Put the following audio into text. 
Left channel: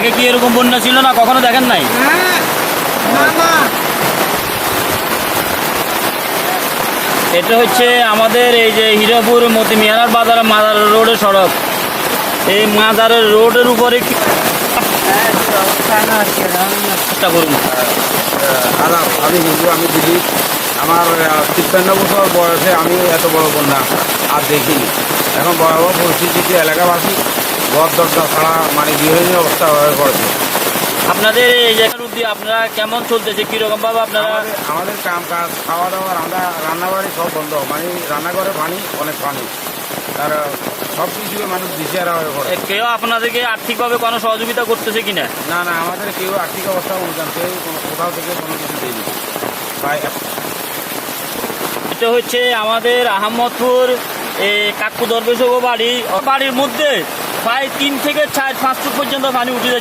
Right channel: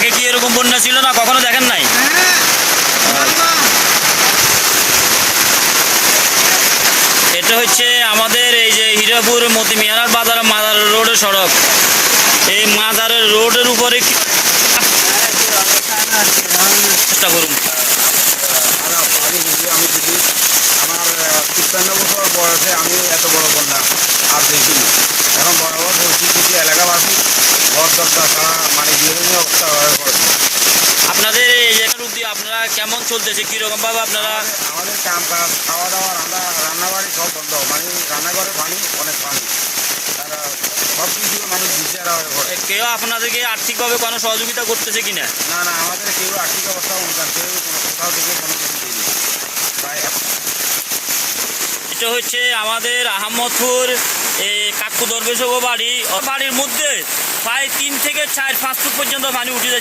আগে কি এরকম বন্যা ছিল না? কখনো দেখেন নাই? এটা হচ্ছে আমাদের এই যে হীরাপুর মতিমিয়ানার বাজার, মাজার রোডের সড়ক। এই মাজারের রোডের উপরে চেষ্টা করুন। আমি কিন্তু আমি দিদি আমার তিপ্পান্ন বছর বয়সে আমি এত বড় বন্যা আর দেখিনি। এখন ভয়াবহ পরিস্থিতিতে এলাকাবাসী ঘর দরজা ছাড়া মানে বিভিন্ন অবস্থা হয়ে পড়েছে। আপনাদের এই উদ্যোগ আপনারা কেমন চলতেছে? কীরকম ভাবে আপনারা আমাদের- কাম কাজ খাওয়া দাওয়া রান্না রান্নাবাড়ি সব বন্ধ। মানে রান্নাঘরে পানি অনেক পানি। তার সব কিছু মানুষ দিশেহারা হয়ে পড়ে কেউ আপনাদেরকে আর্থিকভাবে কোনো সহযোগিতা করতেছে কিনা? না না আমাদের কেউ আর্থিক অবস্থা অনুযায়ী কেউ কোনো কোথাও থেকে কোনো কিছু প্রায় এটা হচ্ছে আমাদের আহমদপুর কাকু দরবেশ বাড়ি। বাড়ির মধ্যে প্রায় তিন থেকে চার, পাঁচ ফুট পর্যন্ত পানি উঠে যাচ্ছে।